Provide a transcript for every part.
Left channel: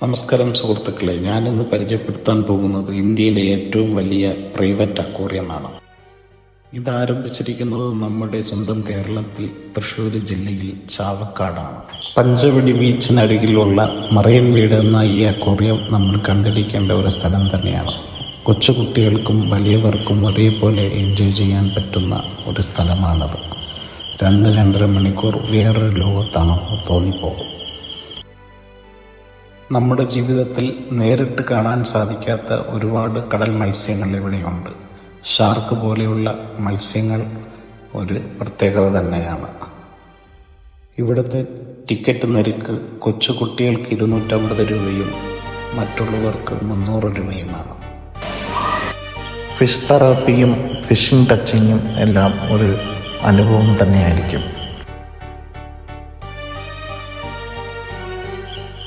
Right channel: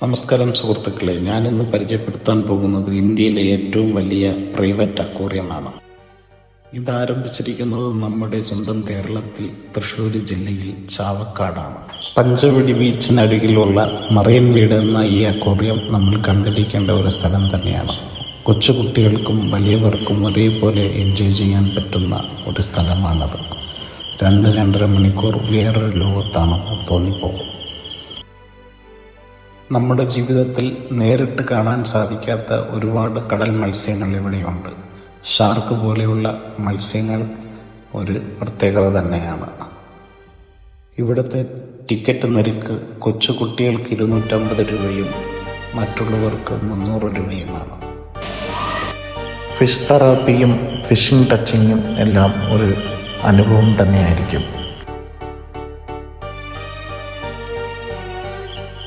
നമസ്കാരം സുഹൃത്തുക്കളെ, ഞാനിന്ന് പരിചയപ്പെടുത്താൻ പോകുന്നത് ഇന്ത്യയിലെ ഏറ്റവും വലിയ പ്രൈവറ്റ് അക്വേറിയമാണ്. ഇത് ആരംഭിച്ചിരിക്കുന്നത് നമ്മുടെ സ്വന്തം കേരളത്തിൽ തൃശ്ശൂർ ജില്ലയിൽ ചാവക്കാടാണ്. പഞ്ചവടി ബീച്ചിനരികിലുള്ള മറൈൻ വീട് എന്ന ഈ അക്വേറിയം നമ്മൾ കണ്ടിരിക്കേണ്ട ഒരു സ്ഥലം തന്നെയാണ്. കൊച്ചുകുട്ടികൾക്കും വലിയവർക്കും ഒരേപോലെ എൻജോയ് ചെയ്യാൻ പറ്റുന്ന ഒരു സ്ഥലമാണത്. 2-2.5 മണിക്കൂർ വേറൊരു ലോകത്താണെന്ന് തോന്നിപ്പോകും. നമ്മുടെ ജീവിതത്തിൽ നേരിട്ട് കാണാൻ സാധിക്കാത്ത ഒരുപാട് കടൽ മത്സ്യങ്ങൾ ഇവിടെയുണ്ട്. ഷാർക്ക് പോലെയുള്ള മത്സ്യങ്ങൾ ഒരു പ്രത്യേകത തന്നെയാണ്. ഇവിടുത്തെ ടിക്കറ്റ് നിരക്ക് കൊച്ചുകുട്ടികൾക്ക് 250 രൂപയും മറ്റുള്ളവർക്ക് 300 രൂപയുമാണ്. ഫിഷ് തെറാപ്പിയും ഫിഷിംഗ് ടച്ചിങ്ങും എല്ലാം ഒരു അനുഭവം തന്നെയായിരിക്കും.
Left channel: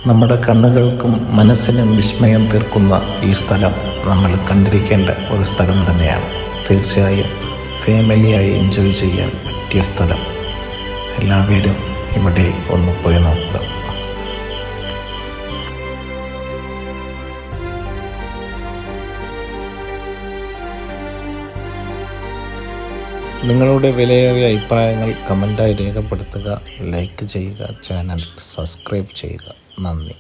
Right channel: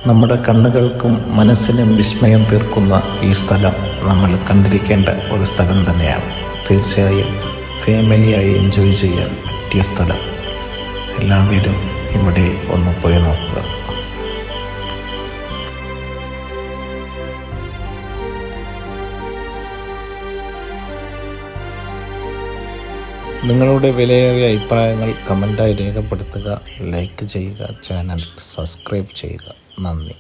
നമ്മുടെ കണ്ണുകൾക്കും മനസ്സിനും വിസ്മയം തീർക്കുന്ന ഈ സ്ഥലം നമ്മൾ കണ്ടിരിക്കേണ്ട ഒരു സ്ഥലം തന്നെയാണ്. തീർച്ചയായും ഫാമിലിയായി എൻജോയ് ചെയ്യാൻ പറ്റിയ സ്ഥലം. എല്ലാവരും ഇവിടെ ഒന്ന് പോയി നോക്കുക. നിങ്ങളുടെ വിലയേറിയ അഭിപ്രായങ്ങൾ കമൻറ്റായി രേഖപ്പെടുത്തുക, ലൈക്ക് ചെയ്യുക, ചാനൽ സബ്സ്ക്രൈബ് ചെയ്യുക. നന്ദി.